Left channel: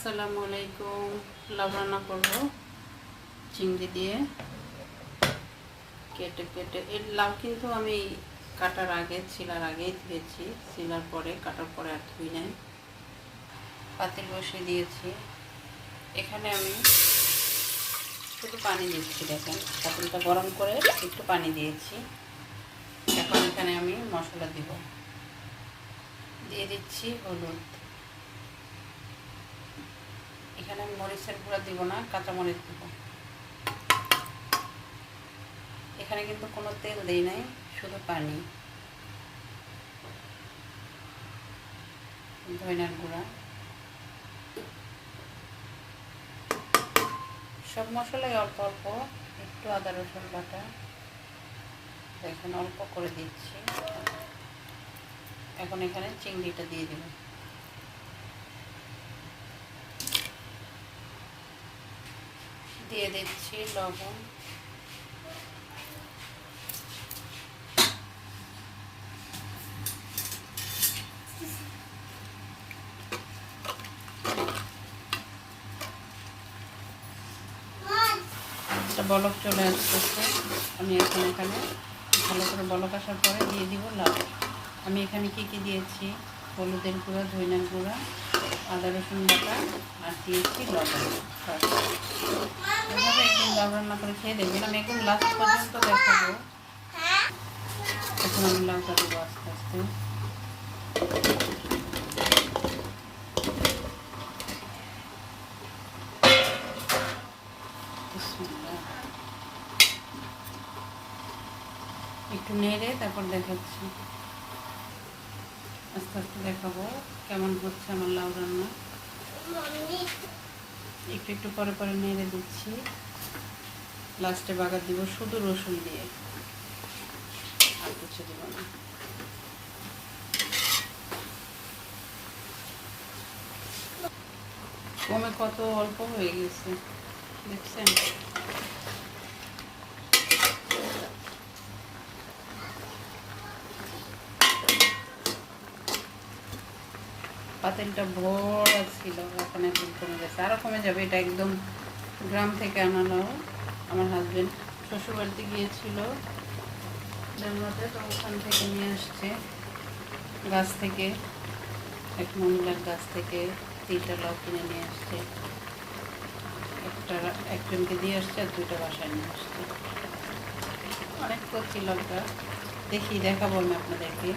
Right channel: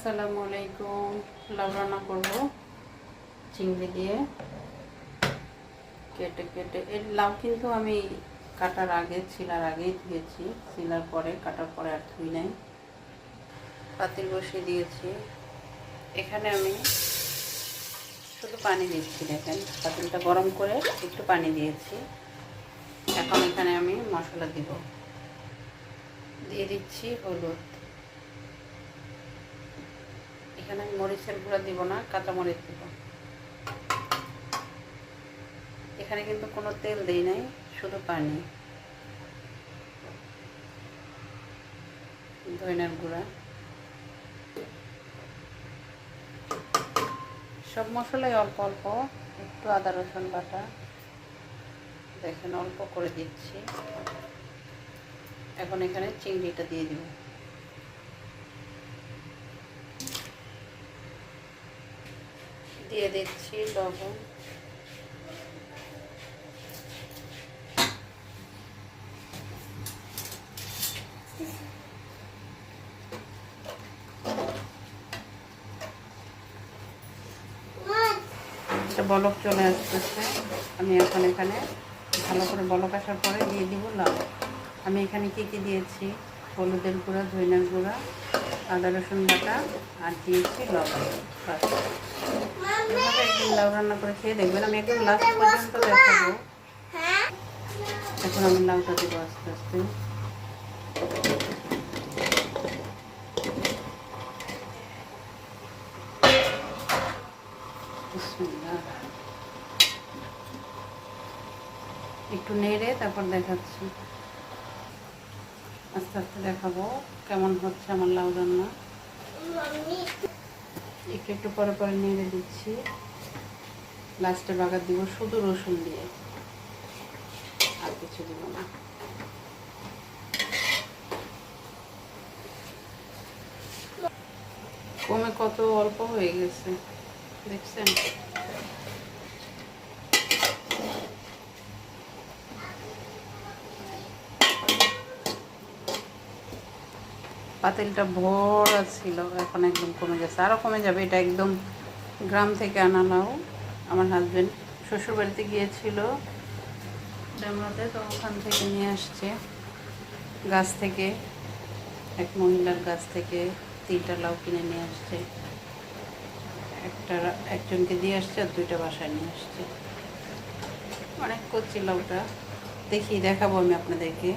আসসালামু আলাইকুম। লাউ রান্না করব চিংড়ি দিয়ে। কেটে কেটে এর লাউ কিন্তু আমি কাটার আগে ছিলার আগেই ধুয়েছি, ছিলার পরে কাটার পরে আর ধুই নাই। পাতিল বসিয়ে দিয়েছি। এখানে আমি শুধু পানি দিচ্ছি, দেখেন পাতিলটা গরম করে একটু পানি দিয়েছি। এখন এখানে আমি মশলা দিয়ে দিচ্ছি হলুদ। এখানে মরিচের গুঁড়া দিব না, কাঁচা মরিচ দিব। এখানে কিন্তু কোনো তেল দেই নাই, শুধু পানি। ধনিয়ার গুঁড়া, সব মশলাই অল্প অল্প, একটু আদা রসুন বাটা দেখেন অল্প করে দিচ্ছি। এখন এখানে চিংড়িটা দিয়ে দিব। দিয়ে দিচ্ছি লবণ, একটা বলক চলে আসতেছে। আমি এখন এখানে ভালো করে বলক আসার পরে দিয়ে দিব লাউ। আমি এখানে কি কি দিয়েছি, হলুদের গুঁড়া, ধনিয়ার গুঁড়া, আদা রসুন বাটা আর দিয়েছি লবণ। এভাবে একদিন লাউ রান্না করে খেয়ে দেখবেন। আমি একদম লাস্ট পর্যন্ত দেখাবো। এখন আমি লাউটা দেবো আস্তে আস্তে। একটু নেড়ে তারপর দেখাচ্ছি, আস্তে আস্তে দেখাবো কেমন হচ্ছে আমার লাউ রান্না। একটু একটু পরে পরে নেড়ে দিচ্ছি। লাস্টে বাগার দিব শুধু রসুন দিয়ে, আর কিছু দিব না। কমে কত অল্প হয়ে গেছে দেখছেন। পাতিলটা ভরা ছিল, এখন একদম কমে গেছে, আরও কমে যাবে। এটা একদম গ্রাম থেকে আনা লাউ। আমার হাজব্যান্ড শ্বশুরবাড়িতে গিয়েছিল বেমরাতে, তো ওখান থেকে নিয়ে আসছে গাছ থেকে, এক মহিলার গাছ থেকে 3টা লাউ কিনে নিয়ে আসছে। একজনকে দিয়ে আসছে আর 2টা বাসায় নিয়ে আসছে। অনেক কচি লাউটা, দেখাবো আমি আপনাদেরকে।